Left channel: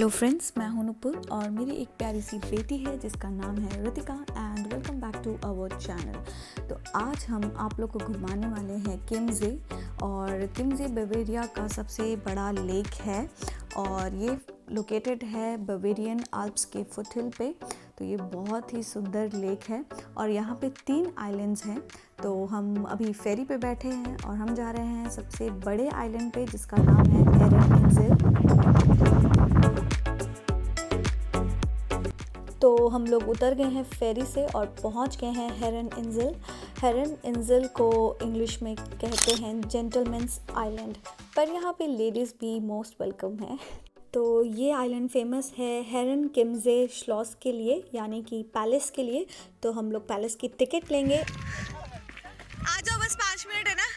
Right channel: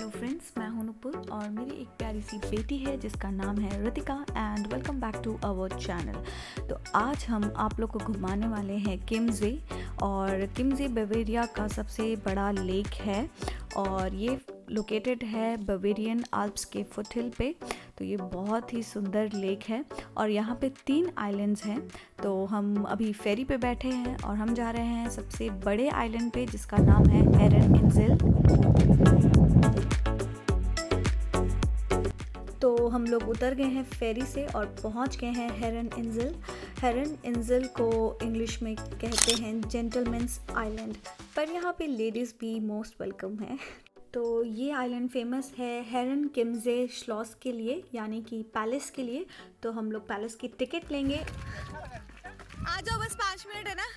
Hello friends, मैं हूं नुपुर और मेरी एक प्यारी सी बेटी है जिसका नाम है Ritika and welcome back to our channel. तो आज हम आप लोग को घुमाने वाले हैं किम्जे। और किम्जे बवेरिया का सबसे बड़ा लेक है और ये लोकेटेड है बवेरियन आल्प्स के फुटहिल पे। तो ये बहुत ही सुंदर लेक है और यहाँ पे 3 आइलैंड्स हैं। तो हम अभी फेरी पे बैठे हैं और हम जा रहे हैं सबसे बड़े आइलैंड पे जिसका नाम है हेरन इंजिल। तो हम लोग उतर गए हैं फेरी से और पहुंच गए हैं हेरन इंजिल। हेरन इंजिल को इंग्लिश में कहते हैं जेंटलमैन्स आइलैंड, पर यहाँ पे लेडीज़ भी मोस्ट वेलकम है। तो ये आइलैंड फेमस है हेरन किम्जे श्लॉस के लिए, यानी कि पैलेस के लिए। तो हम लोग पैलेस की टिकट लेंगे। आ जाओ, बस 5 मिनट है ना।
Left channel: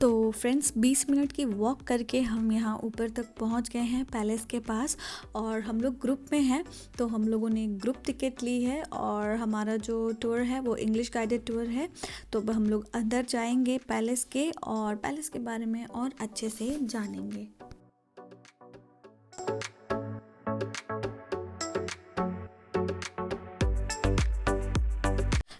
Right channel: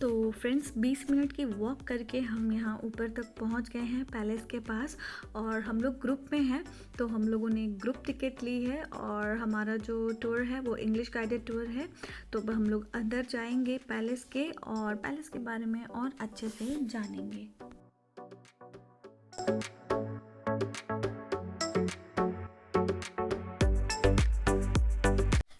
तो फ्रेंड्स 20 मिनट की वॉक करके हम यहाँ ऊपर तक पहुँच गए हैं पैलेस के पास और हम लोग ग्रुप में हैं। तो हम लोगों ने ग्रुप टिकट ली है और हमारा जो टूर है वो इंग्लिश गाइडेड टूर है। तो हम लोग अंदर जाएंगे पैलेस के और पैलेस के बारे में और अच्छे से जानेंगे।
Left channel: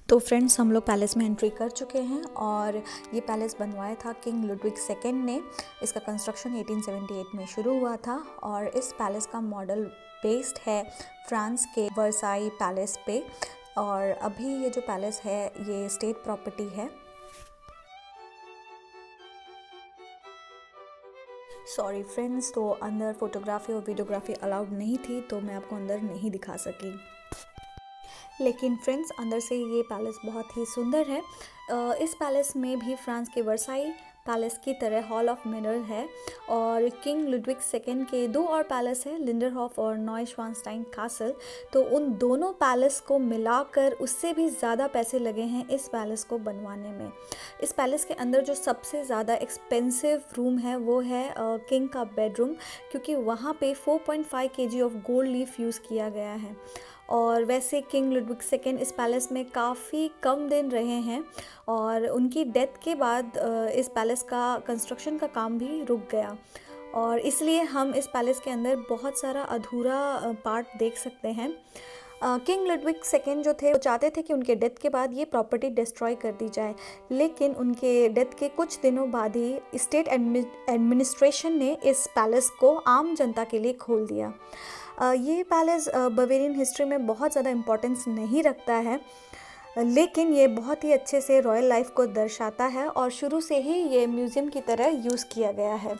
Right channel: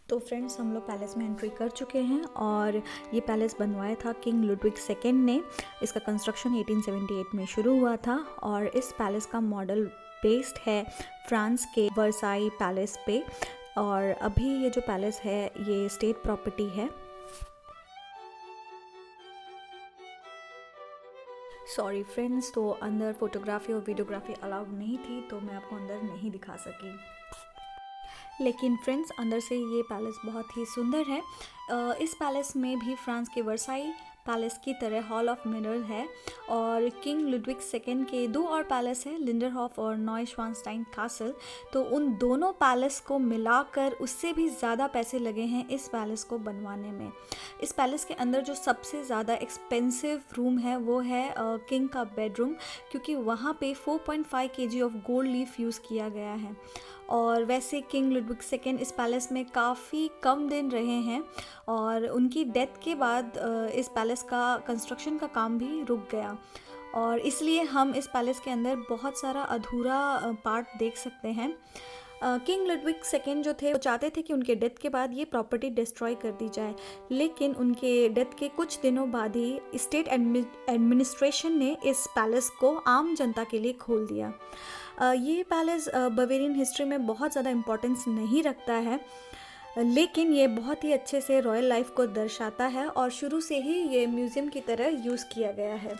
तो फ्रेंड्स हम लोग पैलेस में एंट्री कर चुके हैं और ये पैलेस बनवाया था किंग लुडविग सेकेंड ने। इसका कंस्ट्रक्शन 1878 में शुरू हुआ था और इस पैलेस का मॉडल बेस्ड है फ्रांस के वर्साई पैलेस पे। और अभी ये जो पैलेस है ये स्टेट प्रॉपर्टी है। सॉरी फ्रेंड्स, तो अंदर फोटोग्राफी और वीडियोग्राफी अलाउड नहीं थी तो मैं आपको अंदर नहीं दिखा सकी। लेकिन फ्रेंड्स अंदर से ये पैलेस बहुत ही सुंदर है। इस पैलेस में भी फ्रांस के वर्साई पैलेस की तरह हॉल ऑफ मिरर है और किंग लुडविग सेकेंड के 2 और पैलेस है, लिंडरहॉफ और नॉयश्वानस्टाइन कासल। तो उन दोनों पैलेस को मिलाकर उससे भी ज़्यादा पैसे लगे हैं इस पैलेस को बनवाने में। इस पैलेस के अंदर जो सबसे ज़्यादा एक्सपेंसिव रूम है वो है किंग का बेडरूम, क्योंकि वहाँ पे 4.5 kg of gold leaf use किया गया है। और वैसे किंग लुडविग सेकेंड इस पैलेस में काफ़ी कम दिन रहे हैं और उनकी डेथ के बाद इस पैलेस का कंस्ट्रक्शन का काम भी रुक गया और इसलिए हम इस पैलेस के अंदर बहुत सारा अधूरा पार्ट देख सकते हैं। किंग लुडविग सेकेंड जो थे वो चाहते थे कि उनके डेथ के बाद ये प्रॉपर्टी डिस्ट्रॉय कर दी जाए, लेकिन उनके डेथ के कुछ दिनों बाद ही स्टेट एडमिनिस्ट्रेशन ने इस पैलेस को आम जनता के लिए खोल दिया। ये पैलेस बवेरियन हिस्ट्री में बहुत ज़्यादा इम्पोर्टेंस नहीं रखता है, लेकिन ये बहुत ही अच्छे से रॉयल लाइफ को दर्शाता है और शुरू से ही ये म्यूज़ियम की तरह यूज़ किया गया है।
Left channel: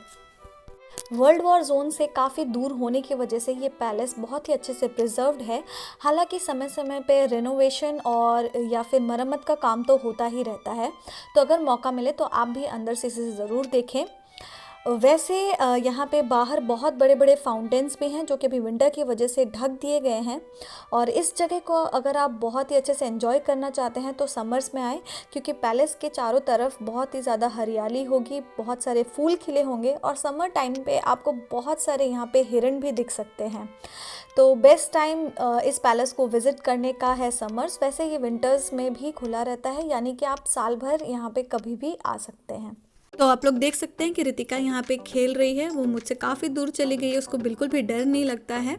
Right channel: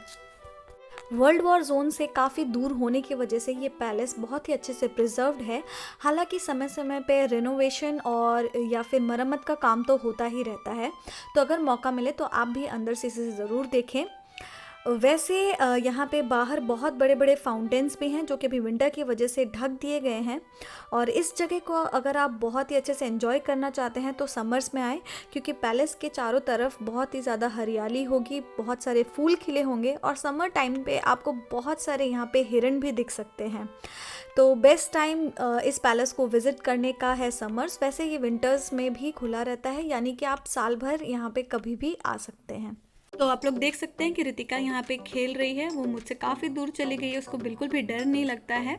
वर्ल्ड वॉर जोन से काफ़ी दूर होने की वजह से ये पैलेस बहुत ही अच्छे से प्रिजर्व्ड है। हालांकि समय समय पे रेनोवेशन और या फिर मरम्मत का काम तो होता ही रहता है। तो अगर मौका मिले तो आप भी अंदर से इसे ज़रूर देखें। वैसे यहाँ पे बाहर बहुत बड़े बड़े फाउंटेन्स भी हैं जो कि अभी विंटर की वजह से ढक दिए गए हैं। और इस जगह को अगर आप बहुत ही अच्छे से एंजॉय करना चाहते हैं तो समर्स में आएँ, क्योंकि पैलेस के चारों तरफ बहुत ही ज़्यादा हरियाली होगी, बहुत सारे फूल खिले होंगे और समर टाइम पे आपको बहुत सारे यहाँ पे हिरन भी दिख सकते हैं। तो बेस्ट टाइम इस पैलेस को विज़िट करने का है समर्स। वैसे ये विंटर्स में भी खुला रहता है, यानी कि आप साल भर यहाँ पे कभी भी आ सकते हैं। तो आप लोग देख सकते हैं कि रितिका यहाँ पे खेल रही है, वो मुझसे काफ़ी दूर चली गई है, उसको बिल्कुल भी डर नहीं लगता है।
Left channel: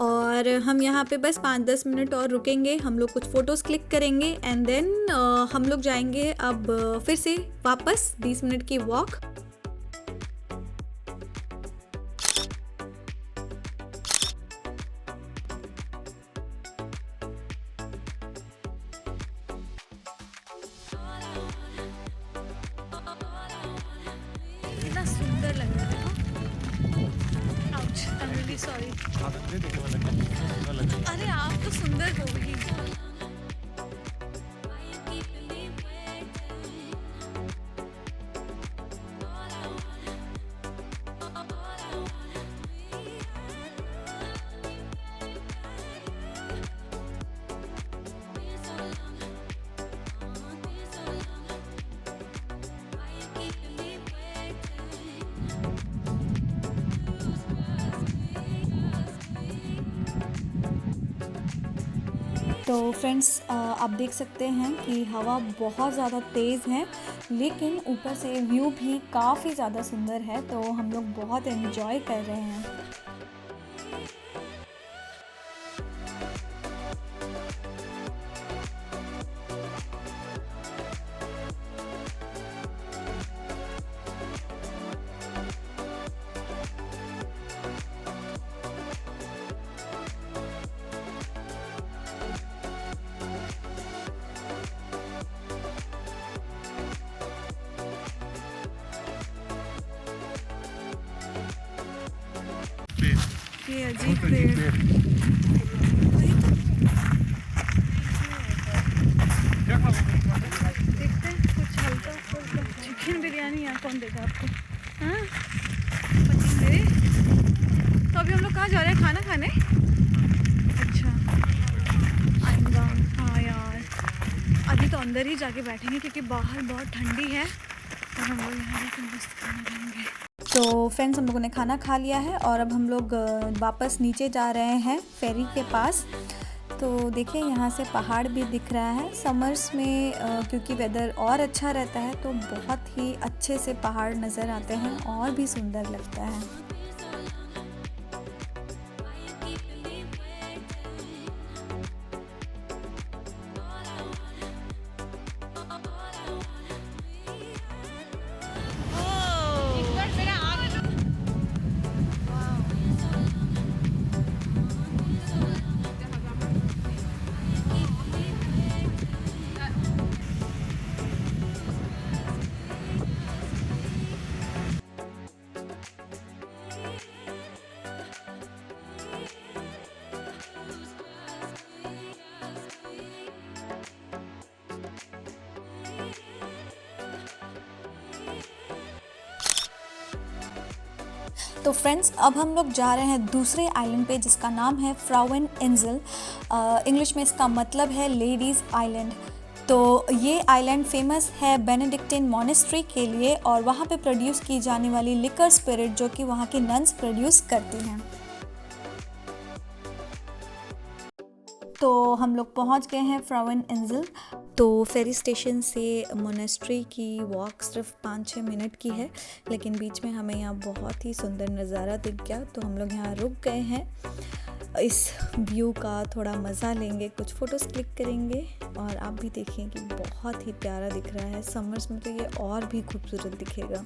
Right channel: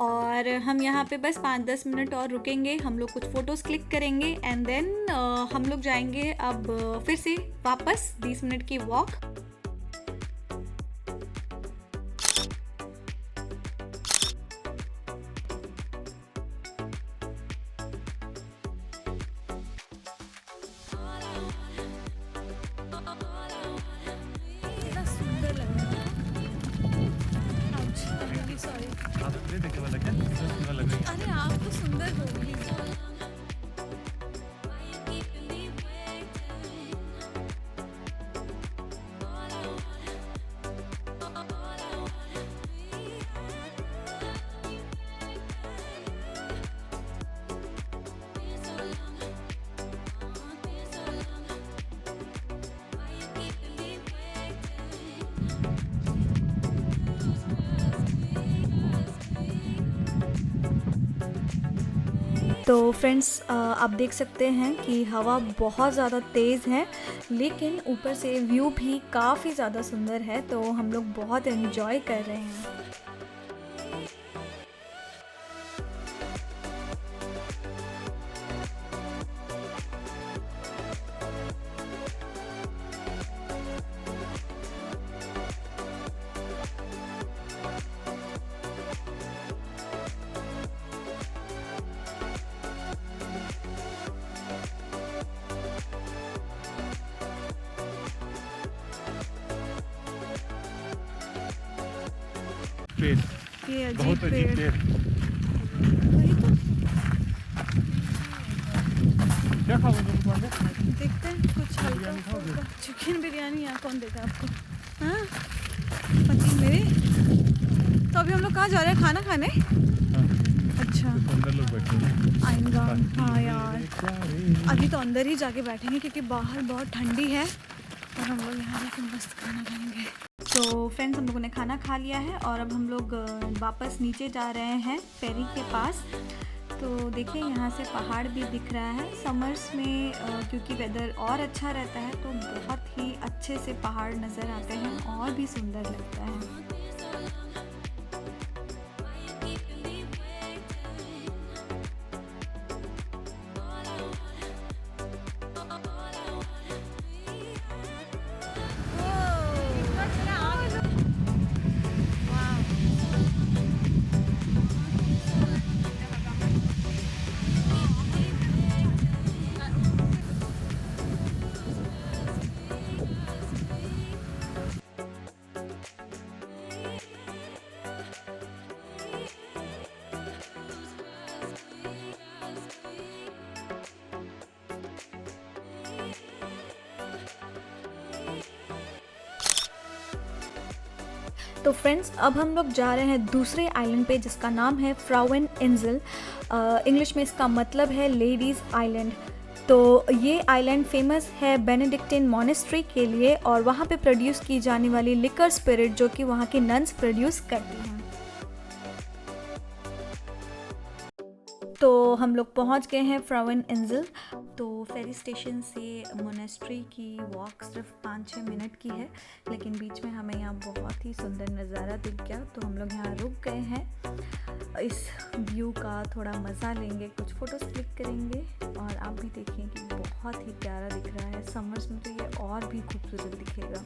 और हम यहाँ पे बस 5-10 मिनट और रुकेंगे, हम लोग कुछ फ़ोटोज़ क्लिक करेंगे एंड देन हम लोग जाएंगे अब फिर से वापस 20 मिनट की वॉक। कितना सुंदर लग रहा है। Ouch, I am really sorry. अरे आप तो सुंदर हो ही। तो फ्रेंड्स आप देख सकते हैं कि हवा बहुत ज़्यादा तेज़ है, लेकिन ऊपर से व्यू भी काफ़ी ज़्यादा सुंदर है। तो हम लोग बहुत एंजॉय कर रहे हैं। पेड़, ये बहुत अजीब अजीब पेड़। पेड़। वही तो क्या खा रहे हो? देखते हैं कुछ हल्का फुल्का। चिकन बिरयानी यहाँ कौन देगा आपको? हाँ पसंद है। तो अभी हम लोग कहाँ जा रहे हैं खाना खाने? अच्छा अंदर लोग बैठे हैं। आएगा। हाँ यार अभी तो अंदर ही जाके बैठेंगे क्योंकि बाहर बहुत ठंडी है और हम लोग यहाँ जाके मस्त खाना खाएंगे। तो फ्रेंड्स हम लोगों ने खाना खा लिया है और अब हम लोग वापस नीचे जा रहे हैं फेरी के पास। तो देखिए यहाँ से पहाड़ भी दिख रहा है। समर्स में क्योंकि वेदर और अच्छा रहता है तो बहुत ही अच्छे से पहाड़ नज़र आते हैं और भी सुंदर लगता है। तो फ्रेंड्स अब हम लोग जा रहे हैं दूसरे आइलैंड पे जिसका नाम है फ्राउन इंजल। इंग्लिश में इसका मतलब है लेडीज़ आइलैंड। तो ये आइलैंड फेमस है बेनेडिक्टिन मॉनेस्ट्री के लिए और वहाँ पे प्रोड्यूस की जाने वाली लिकर स्पिरिट जो कि वहाँ की नन्स प्रोड्यूस करती हैं। तो हम लोग पहुंच गए हैं फ्राउन इंजल। तो फेरी स्टेशन से मोनेस्ट्री की वॉक सिर्फ 5-6 मिनट की है, लेकिन बीच में हमें यहाँ बहुत ही सुंदर नज़ारा दिख गया तो हम लोग यहाँ रुक गए हैं। इस व्यू का थोड़ा मज़ा लेंगे, कुछ फ़ोटोज़ क्लिक करेंगे और आप भी देखिए कि बहुत ही प्यारा दिख रहा है। समर्स में तो ये और भी खूबसूरत दिखेगा।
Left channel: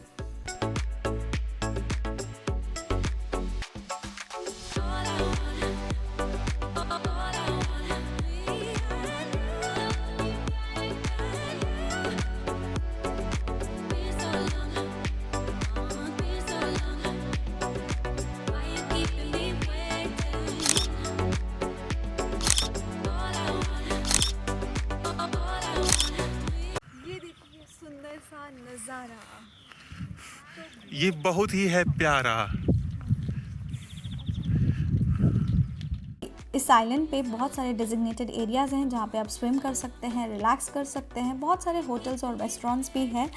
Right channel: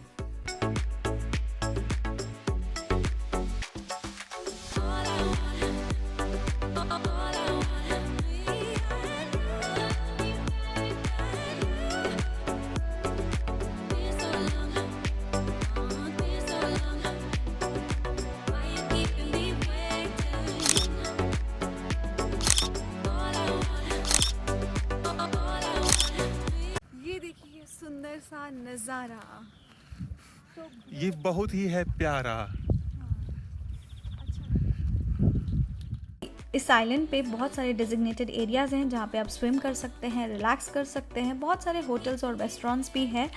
सुंदर सा नज़ारा। ये बहुत ही है प्यारा। इस आइलैंड पे बहुत सारे डेजिग्नेटेड एरियाज़ हैं जहाँ पे आप स्विम कर सकते हैं, रिलैक्स कर सकते हैं। बहुत सारे होटल्स और रेस्टोरेंट्स भी हैं,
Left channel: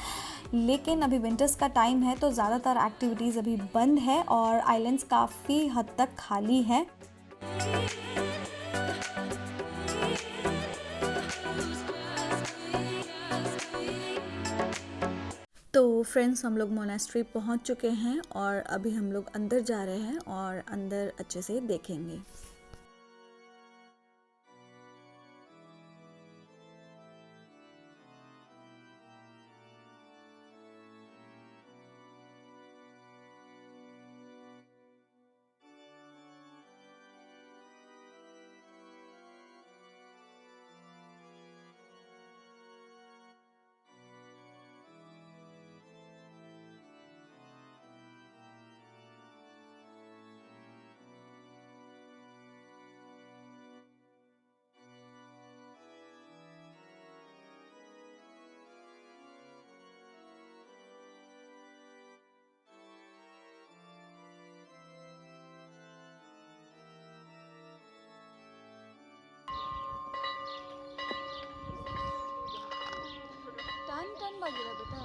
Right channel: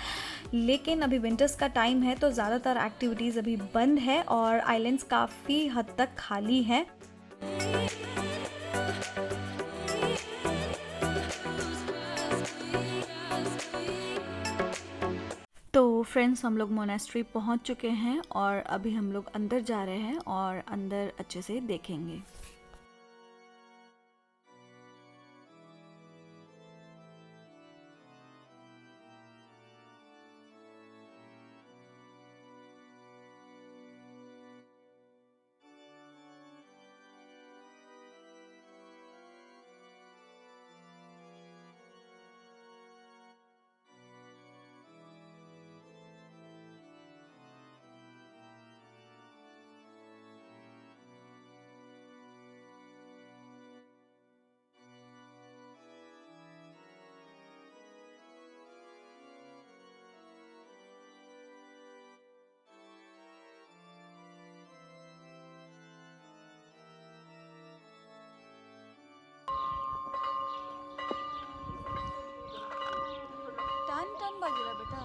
लेकिन अभी विंटर्स का टाइम है तो ज़्यादातर एक्टिविटीज़ अभी बंद है और आइलैंड्स काफ़ी हद तक खाली हैं। तो फ्रेंड्स हम लोग मोनेस्ट्री पहुँच चुके हैं और अभी हम लोग अंदर जा रहे हैं और अंदर अच्छे से देखेंगे। टन बजेगा बेटा।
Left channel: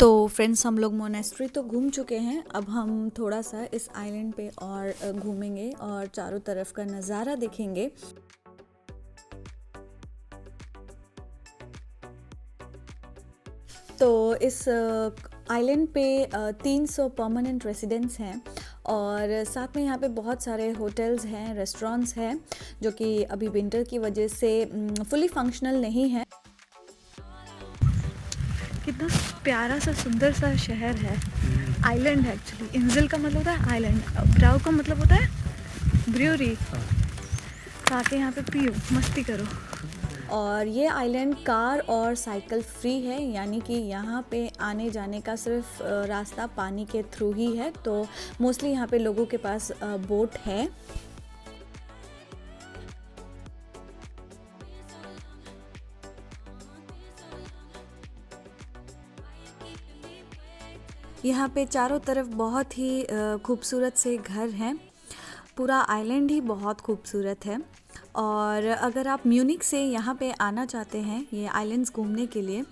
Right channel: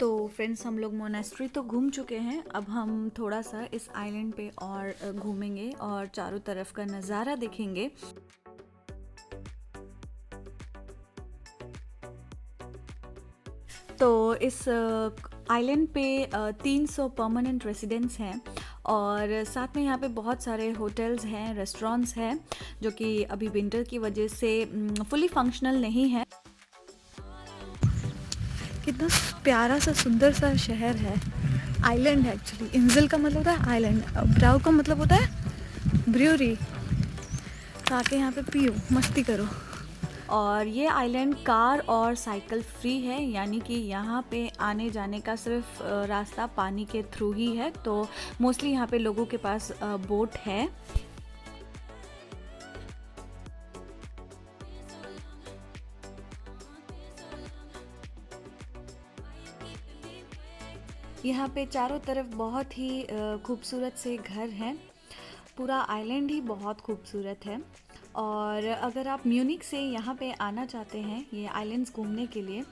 तो फ्रेंड्स हम लोग मोनेस्ट्री तो घूम चुके हैं, अब हम थोड़ा सा इस आइलैंड पे और घूमेंगे और चारों तरफ का नज़ारा देखेंगे। तो इस आइलैंड पे 300 परमानेंट रेसिडेंट्स हैं और साथ में यहाँ पे बहुत सारे होटल्स हैं, रेस्टोरेंट्स हैं जो कि अभी विंटर की वजह से फुली फंक्शनल नहीं है। कितना प्यारा सा सुंदर सा शहर है। आइलैंड है एक्चुअली। इंजल का मतलब होता है आइलैंड, ब्राउ का मतलब होता है ब्रूअरी। तो आके यहाँ पे पियो, मस्ती करो। और ये आइलैंड कार और साइकिल फ्री है, यानी कि यहाँ पे आने जाने का सिर्फ रास्ता पानी के थ्रू ही है। तो मोस्टली यहाँ पे लोगों के पास बोट है। यहाँ पे चारों तरफ बहुत ही खूबसूरत से घर हैं। पूरा आइलैंड ही बहुत खूबसूरत है। और अगर आप म्यूनिक से यहाँ पे आना चाहते हैं ये आइलैंड्स घूमने के लिए,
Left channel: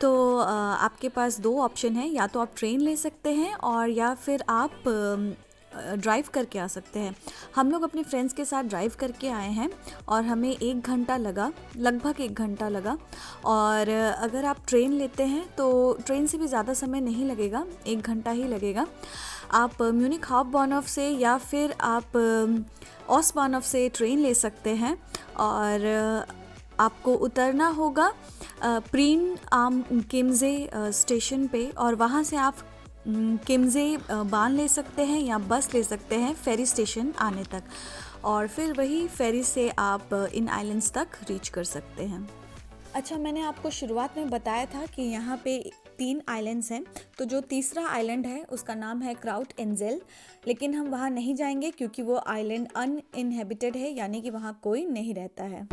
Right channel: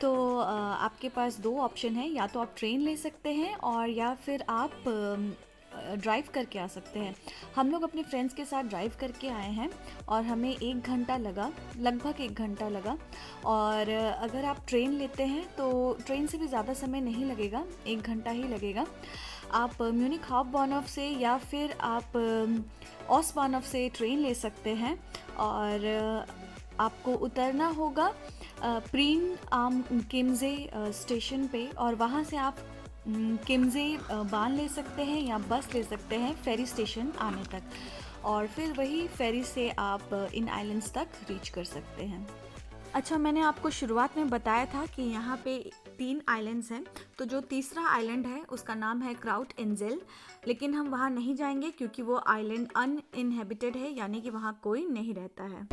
तो आपके पास 2 ऑप्शन है, या तो आप ट्रेन ले सकते हैं और या फिर आप ड्राइव करके आ सकते हैं। हम लोग अपने फ्रेंड्स के साथ ड्राइव करके आए हैं और हमें 1 घंटा लगा, लगभग 1 घंटा लगा। और अगर आप ट्रेन लेते हैं तो ट्रेन से भी ज़्यादा समय नहीं लगेगा, 1 घंटा ही लगेगा। आप म्यूनिक हाफबानहोफ से या फिर आप ओस्बानहोफ से ट्रेन ले सकते हैं और आपको उतरना होगा प्रीन आम किम्जे स्टेशन पे और वहाँ से आप किम्जे बान ले सकते हैं या बस ले सकते हैं फेरी स्टेशन आने तक, और फिर वही फेरी से आप इन आइलैंड्स तक रीच कर सकते हैं। अच्छा, मैंने आपको शुरुआत में बताया था कि यहाँ पे 3 आइलैंड्स हैं, तो जो तीसरा आइलैंड है उसका नाम है क्राउट एंजेल, लेकिन हम वहाँ नहीं जाएंगे क्योंकि वो आइलैंड अनइनहेबिटेड है, यानी कि वहाँ कोई नहीं रहता है।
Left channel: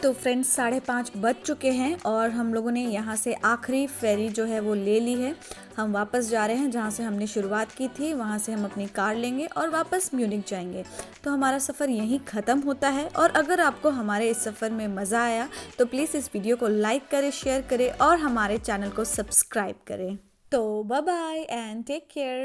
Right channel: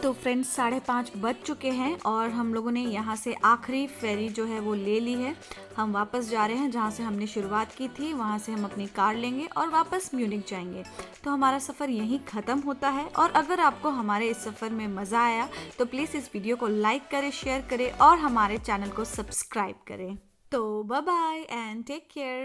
तो फ्रेंड्स 5:30 बज चुके हैं और हम लोगों ने यहाँ से आखिरी फेरी जो है वो ले ली है। हम वापस जा रहे हैं जहाँ से हमने शुरुआत की थी, वहाँ से हम अपनी कार लेंगे और वापस म्यूनिक जाएंगे। तो हमारा सफ़र यहीं ख़त्म होता है। और अगर आपको हमारे इस सफ़र में मज़ा आया तो प्लीज़ इस वीडियो को लाइक करें, शेयर करें और हमारे चैनल को सब्सक्राइब करें। तो bye bye and take care.